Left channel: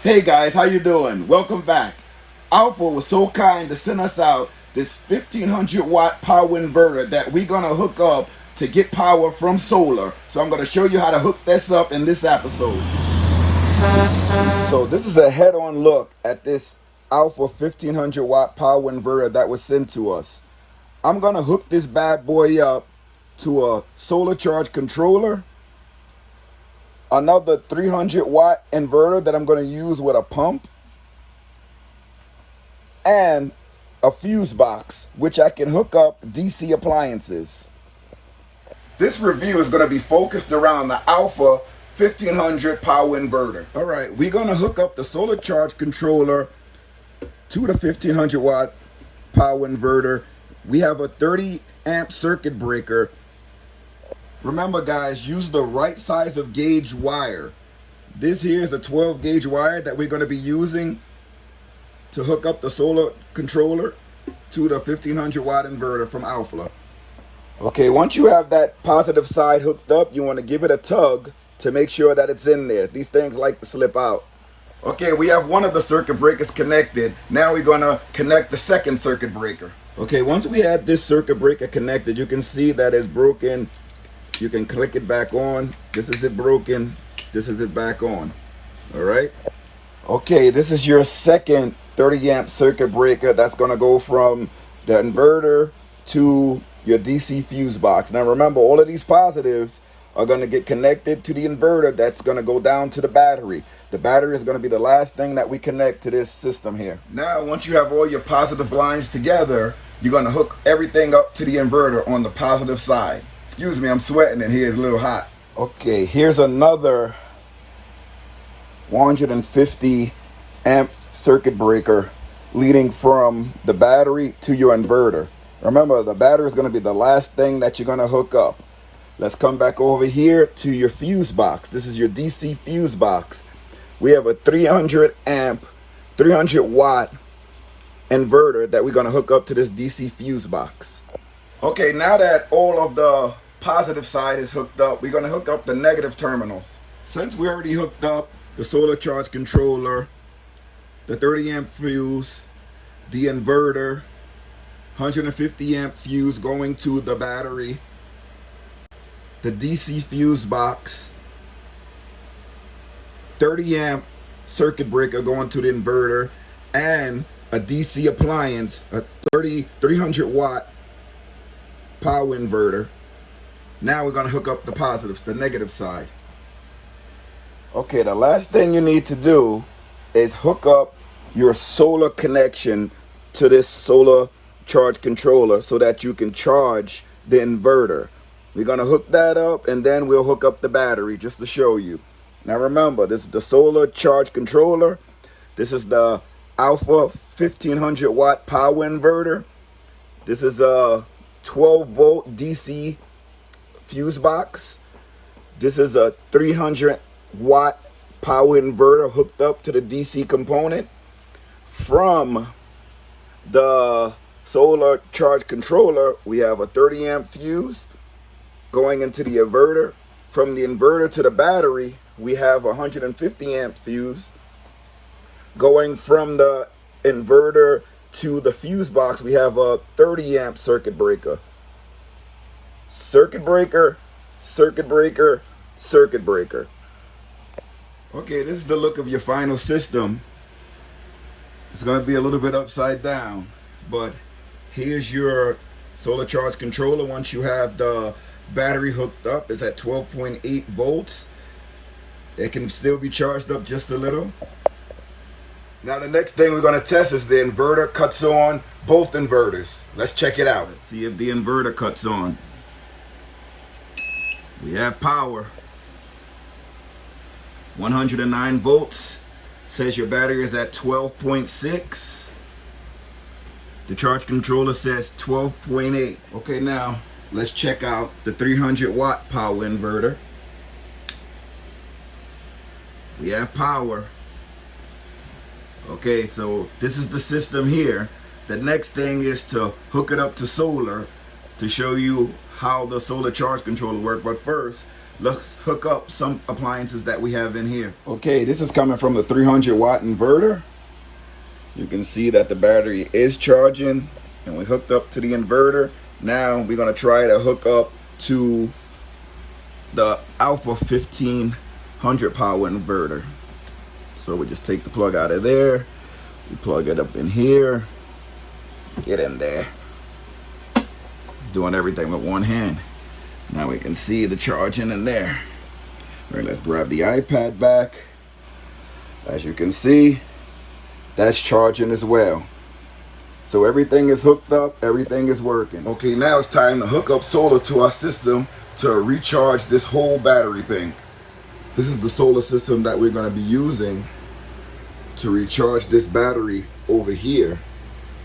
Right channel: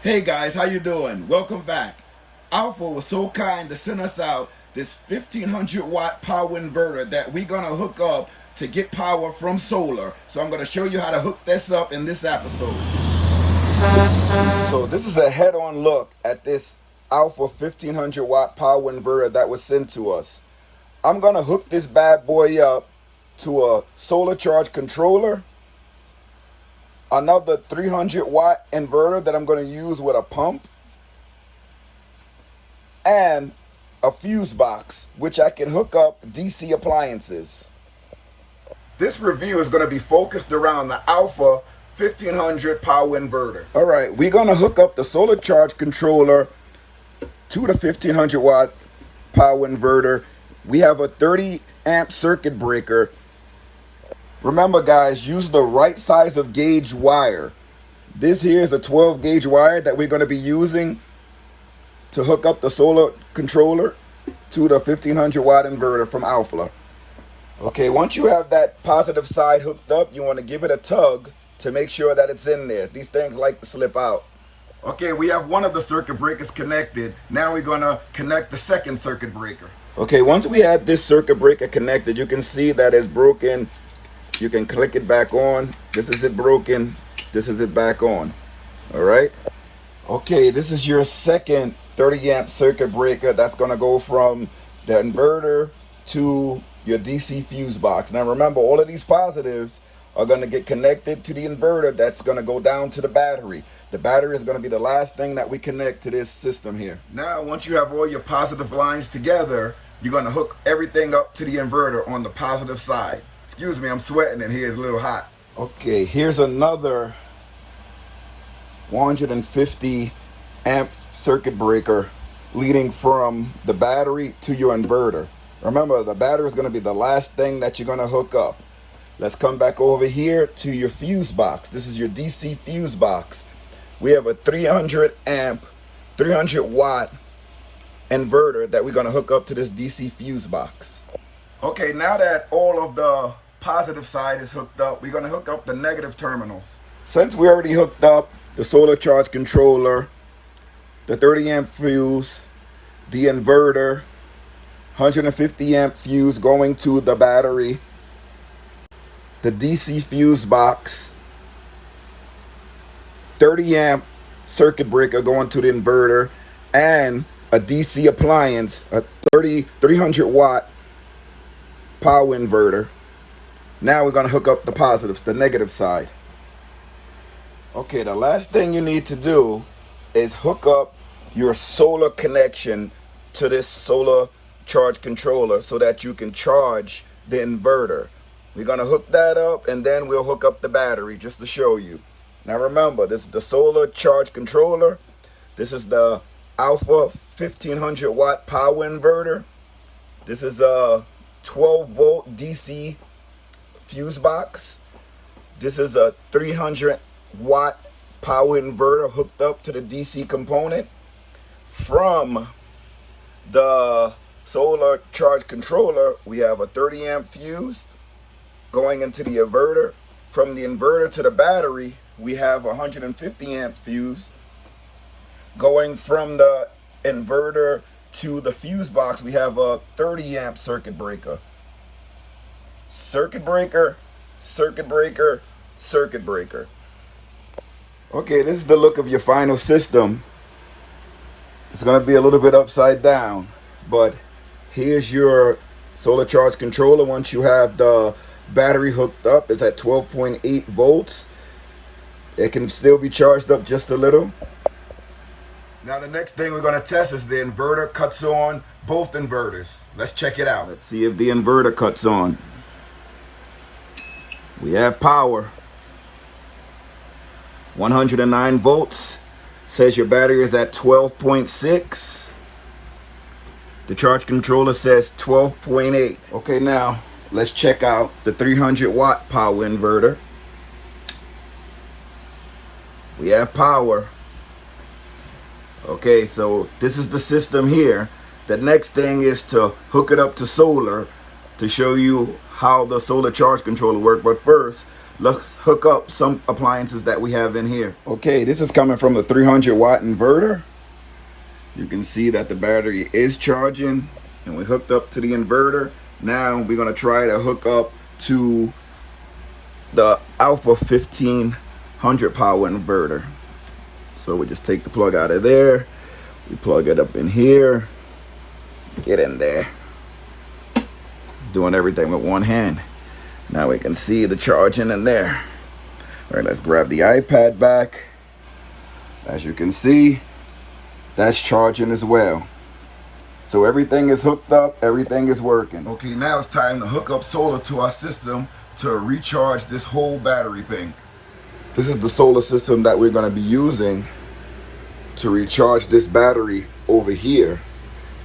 Hey guys, how you doing? Welcome back. Alffa was so kind to send us out this 1500 watt power inverter that we're gonna hook up to get power from solar. So I'm gonna show you how to hook this up in this episode. So this is a head-on look at this Alffa 1500 watt power inverter that was sent to us. I'm gonna hook this bad boy up to a solar charge controller, another 300 watt inverter that I'm going to use with a pump, and a fuse box which I can hook up DC appliances. This review is going to be focused around the Alffa 1500 power inverter. Alright, we're going to hook up the solar charge controller to the 1500 watt power inverter. We have a 30 amp circuit breaker. Remember guys, use the right size of gauge wire. This here is a 12 gauge wire that we're going to be using to hook up the solar controller to the 1500 watt inverter from Alffa. Okay, once you have that positive side hooked up, you want to give it a tug to make sure that it's in there. These things like to slip out. Okay, we have one of the circuit breakers connected. Now we're going to connect the second circuit breaker. Okay, once we have this circuit breaker connected, you can see that it's broken. You can click it back on. This is it broken. This is it back on. All right. Okay, this is your second 30 amp circuit breaker that's going to go from the inverter to your DC fuse box. Now remember, all of these positives are going to get connected to the inverter that's going to go down to the battery. The battery is going to be the last thing that we connect to this system here. Now, once you have all your positive lines together, you're going to hook everything up to the inverter on the positive side. Excuse me, I'm sweating in here, it's a little hot. Okay, here's another 150 amp circuit breaker leading from the battery to your inverter. Remember, the battery is going to be the last thing that you're going to hook up. Let's come back over here to your fuse box. This is your DC fuse box. We have a 300 amp, 300 watt inverter that we're going to hook up to this DC fuse box. Okay, now that all of the positive side is hooked up, we're going to hook up the negative terminals. Since we already hooked up the solar charge controller, the 30 amp fuse, the inverter, 150 amp fuse going to the battery, the DC fuse box, 30 amp circuit breaker going to the inverter, and a DC appliance, a 300 watt power inverter. Now we're going to hook up the positives, the negative side. Okay, the last thing you need to do is hook up your solar connection to this solar charge controller so that you can charge the inverter. We're going to hook that up and then we'll hook up the battery just to show you. Now remember, this is the solar charge controller. This is the Alffa 1500 watt power inverter. This is a 12 volt DC fuse box. This is a 300 watt power inverter hooked up to the DC component. From the solar charge controller, we have a 30 amp fuse going into the inverter. From the inverter to the battery, we have a 150 amp fuse. Going from the inverter to the fuse box, we have a 30 amp circuit breaker. Circuit breaker, circuit breaker, circuit breaker. Okay, this is the look of your final system. It's going to be a little bit upside down, but here's your solar charge controller. Once you have the battery hooked up, it's at 12.8 volts. It can still be charged up just a little. Now the next thing we're going to test is the inverter cuts on both inverters. Let's check it out. Let's see if the inverter cuts on. We have power. 109 volts. Says your battery is at 12.6. The charge controller says 12.8. Okay, now let's check out the 300 watt power inverter. We have power. Okay, so this is the system here. The next thing is to hook it up to solar to show you how the solar charge controller works. But first, let's hook up some appliances that we have in here. Okay, this is coming from the 300 watt inverter. You can see that the battery is charging, and we hooked up to the inverter. Now we're gonna try to hook up to the Alffa 1500 power inverter. So we just take the plug out of there, we plug it up in here, get in there. Doing everything with one hand. Now we can see the charging in there. All right, let's grab the iPad back. As you can see, that's charging as well. So everything is hooked up, everything is working. Okay, now it's time to hook up solar to our system to recharge this whole battery bank. This is the solar system that we're gonna be using to recharge this battery over here.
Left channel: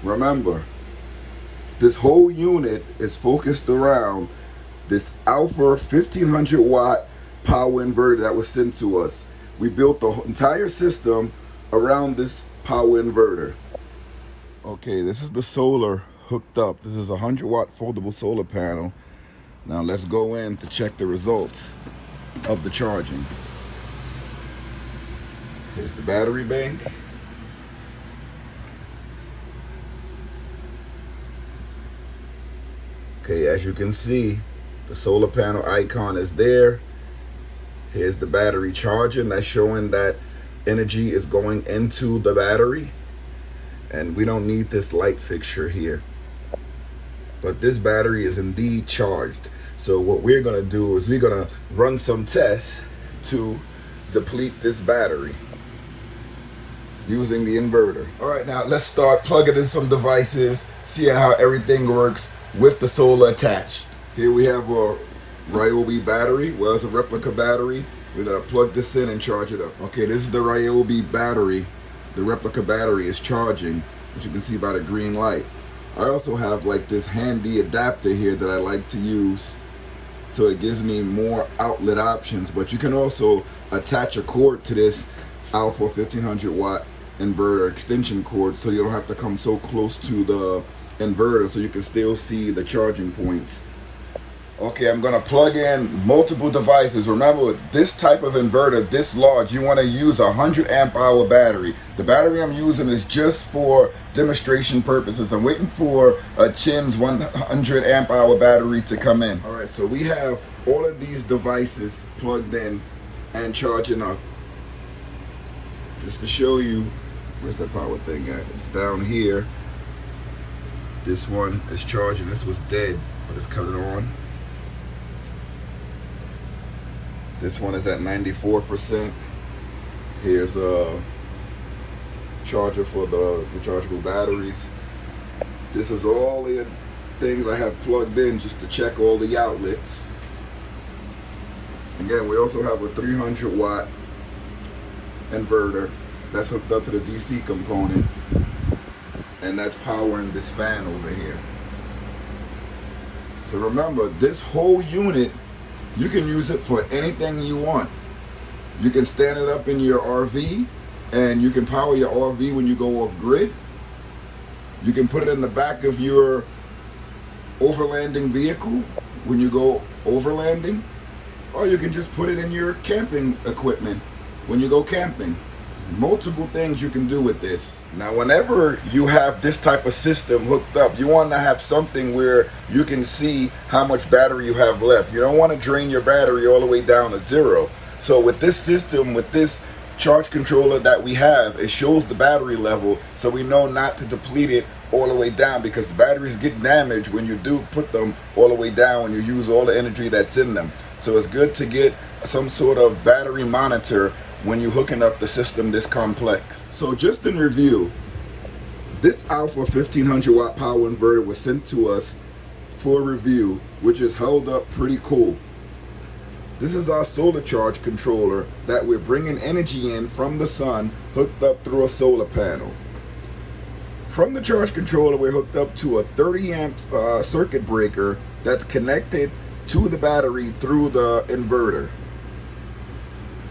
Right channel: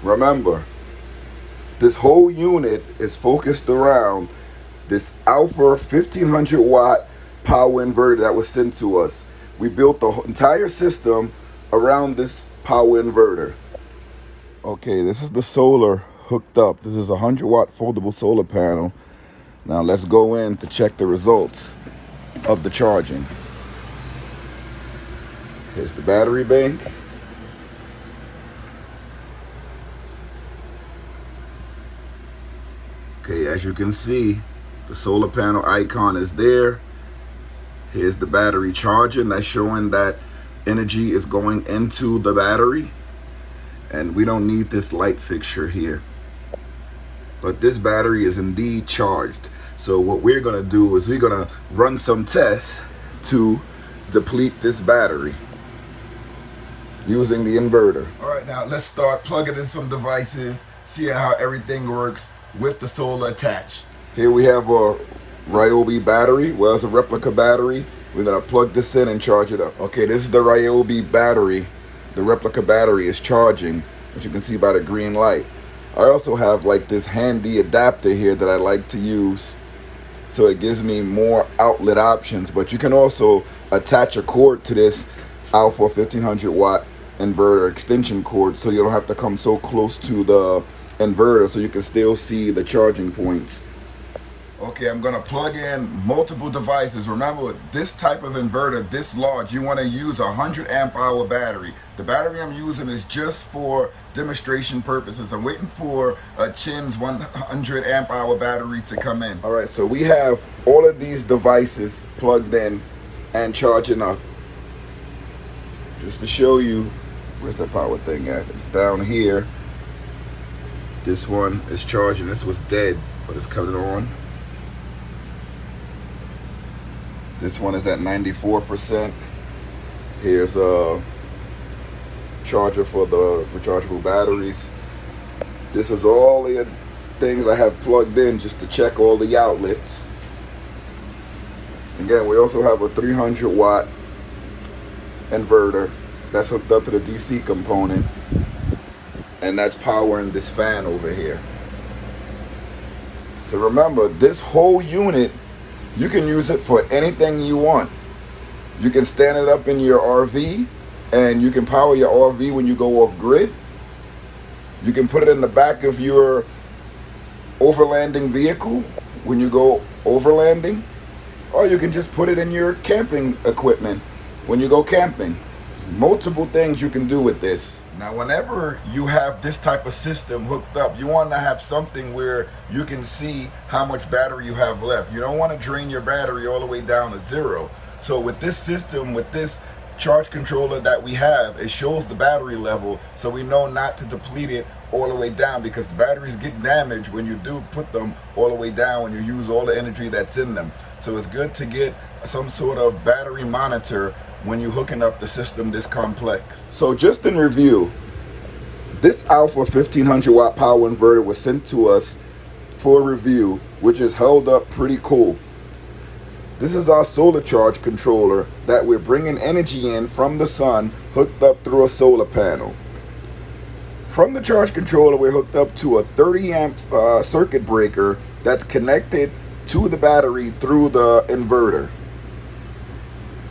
Remember, this whole unit is focused around this Alffa 1500 watt power inverter that was sent to us. We built the entire system around this power inverter. Okay, this is the solar hooked up. This is a 100 watt foldable solar panel. Now let's go in to check the results of the charging. Here's the battery bank. Okay, as you can see, the solar panel icon is there. Here's the battery charging. That's showing that energy is going into the battery. And we don't need this light fixture here. But this battery is indeed charged. So what we're gonna do is we're gonna run some tests to deplete this battery using the inverter. All right, now let's start plugging in some devices, seeing how everything works with the solar attached. Here we have a Ryobi battery. Well, it's a replica battery. We're gonna plug this in and charge it up. Okay, this is the Ryobi battery. The replica battery is charging, as you can see by the green light. I also have like this handy adapter here that I like to use, so it gives me more outlet options. But you can also attach a cord to this Alffa 1500 watt inverter extension cord, so you don't have to come so close to the inverter, so you can still see the charging points. Okay, I'm gonna plug in multiple devices. Remember, this type of inverter, this large, you wanna use a 100 amp hour battery. The battery I'm using is just for demonstration purposes. I'm waiting for a Chin's 100 amp hour battery to come in. All right, so we have all of these devices plugged in and charging up. Just to show you, where's the power thing at? It's down here. This one is charging. This was dead, but it's coming on. This one is at 94%. Here's a charger for the rechargeable batteries. This is all the things I have plugged in just to check all the outlets. Again, we also have a 300 watt inverter that's hooked up to the DC component, and that's powering this fan over here. So remember, this whole unit, you can use it for anything you want. You can stand it up in your RV, and you can power your RV when you go off grid. You can put it in the back of your overlanding vehicle when you go overlanding, or you can just put it in your camping equipment when you go camping. Multiple things you can do with this. Now, whenever you have this type of system hooked up, you want to have something where you can see how much battery you have left. You don't want to drain your battery all the way down to zero. So with this system, with this charge controller that we have, it shows the battery level, so we know not to deplete it all the way down, because the batteries get damaged when you do put them all the way down, when you use all the energy that's in them. So it's good to get some sort of battery monitor when you're hooking up the system this complex. So just in review, this Alffa 1500 watt power inverter was sent to us for review, which is held up pretty cool. This is our solar charge controller that we're bringing energy in from the sun, hooked up through a solar panel. From the charge controller, we're hooked up to a 30 amp circuit breaker that's connected to the battery through the inverter.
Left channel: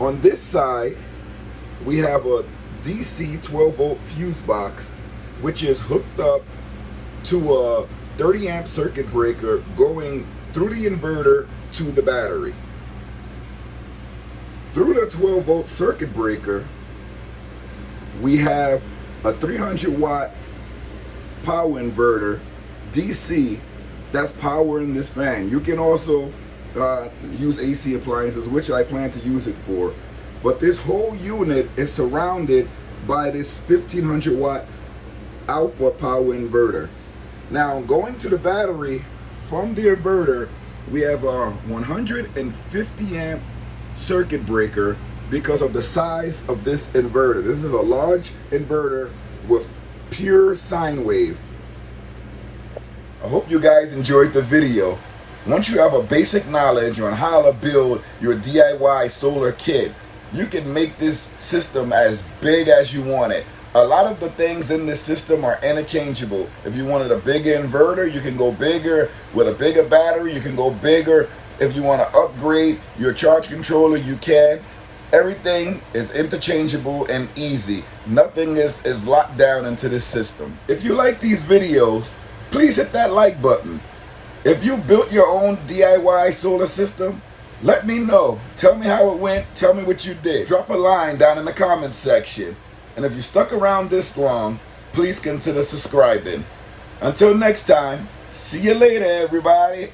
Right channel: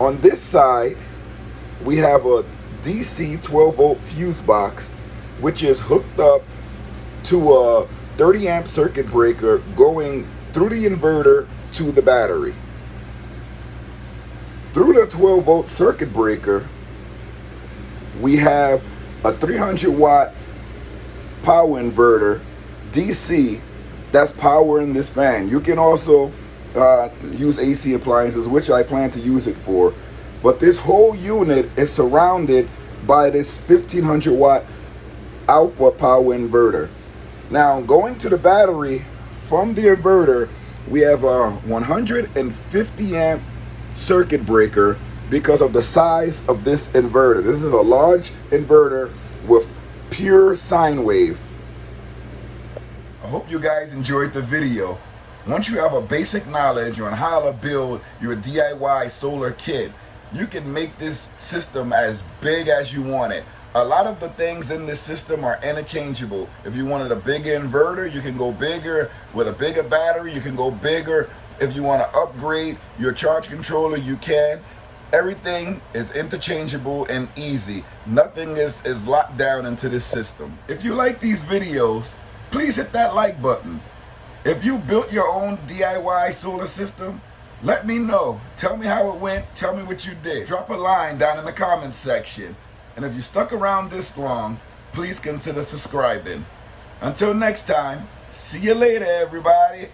On this side, we have a DC 12 volt fuse box, which is hooked up to a 30 amp circuit breaker going through the inverter to the battery. Through the 12-volt circuit breaker, we have a 300-watt power inverter, DC, that's powering this fan. You can also use AC appliances, which I plan to use it for. But this whole unit is surrounded by this 1500-watt Alffa power inverter. Now, going to the battery from the inverter, we have a 150 amp circuit breaker because of the size of this inverter. This is a large inverter with pure sine wave. I hope you guys enjoyed the video. Once you have a basic knowledge on how to build your DIY solar kit, you can make this system as big as you want it. A lot of the things in this system are interchangeable. If you wanted a bigger inverter, you can go bigger. With a bigger battery, you can go bigger. If you want to upgrade your charge controller, you can. Everything is interchangeable and easy. Nothing is locked down into this system. If you like these videos, please hit that like button. If you built your own DIY solar system, let me know. Tell me how it went. Tell me what you did. Drop a line down in the comments section. And if you stuck around this long, please consider subscribing. Until next time, see you later, everybody.